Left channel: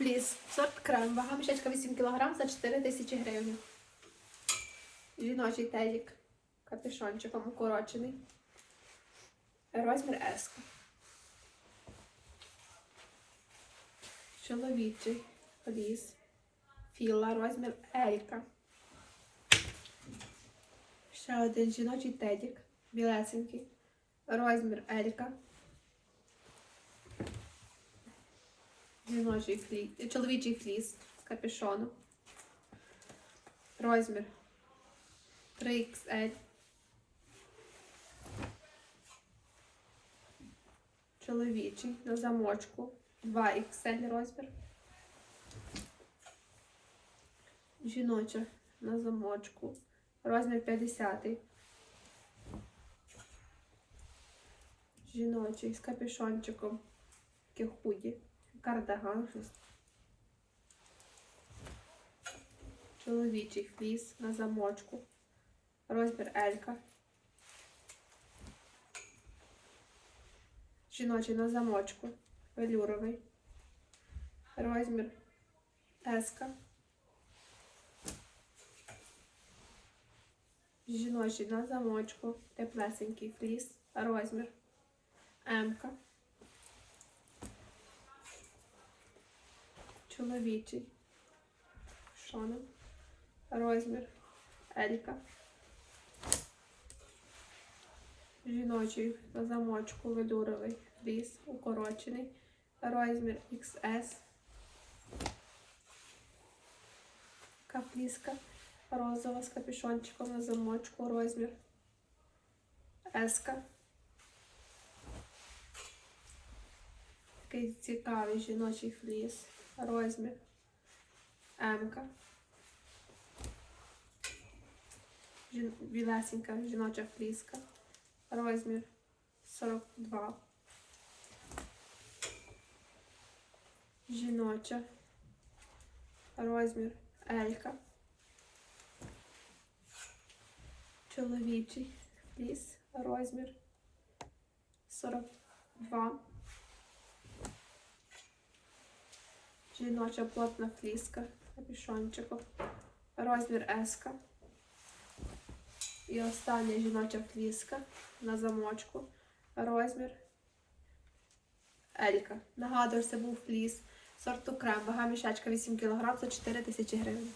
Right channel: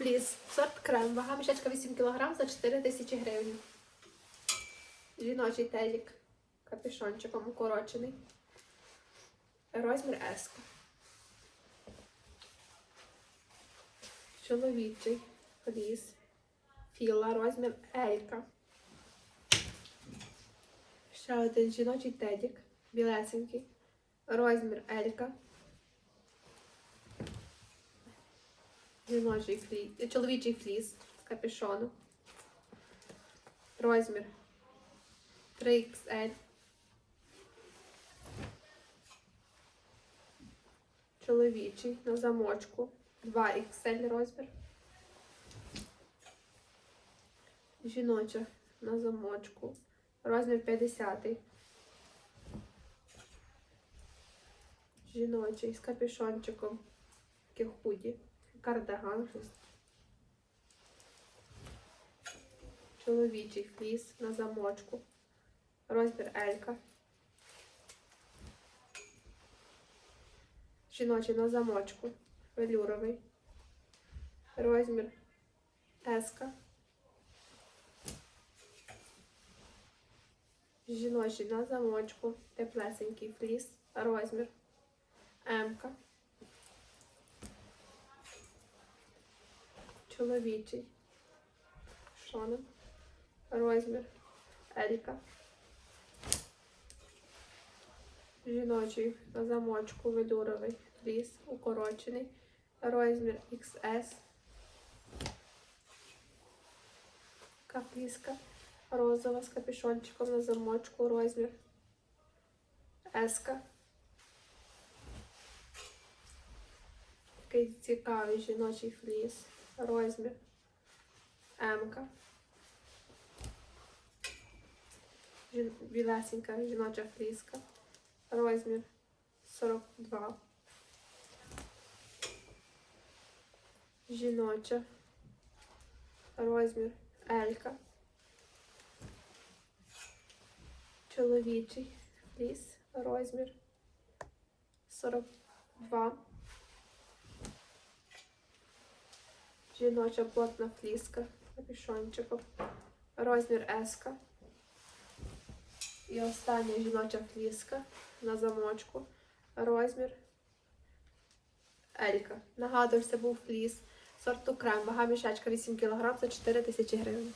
Фліс. Сорт крем. Вага мішечка 8 кг за 4 тисячі гривень. Жіночий тедік. Капюшончиком укорочений. Розмір S. Чоловічий фліс. Філа. Розмір Елька. Ще один жіночий тедік. Білесенький. Розмір Елька. Жіночий фліс, чоловічий фліс капюшону. Розмір 3XL. Чоловічий на замочку 2XL розмір. Жіноча на замочку. Розмір 50. Жіночий з капюшончиком. Таке худі. Кардиган щось. Чоловічий фліс на замочку. Розмір Елька. Жіночий на замочку. Велюровий. Розмір Еска. Жіночий на замочку. Теплесенький фліс. Розмір М-ка. Чоловічий. Шонем. Розмір Елька. Жіночий на замочку велюровий фліс укорочений. Розмір XS. Капліска розова з капюшончиком на замочку. Розмір S. Такий цікавий жіночий фліс. Розмір М. Жін... Білесенька жіноча фліска. Розмір 42. Жіноча. Розмір Елька. Чоловічий фліс. Розмір 42. Жіноча плотна фліска. Капюшончику. Розмір S. І остання жіноча фліска на замочку. Розмір Елька. Нагадую, це був фліс. Сорту крем. Вага мішечка 8 кг за 4 тисячі гривень.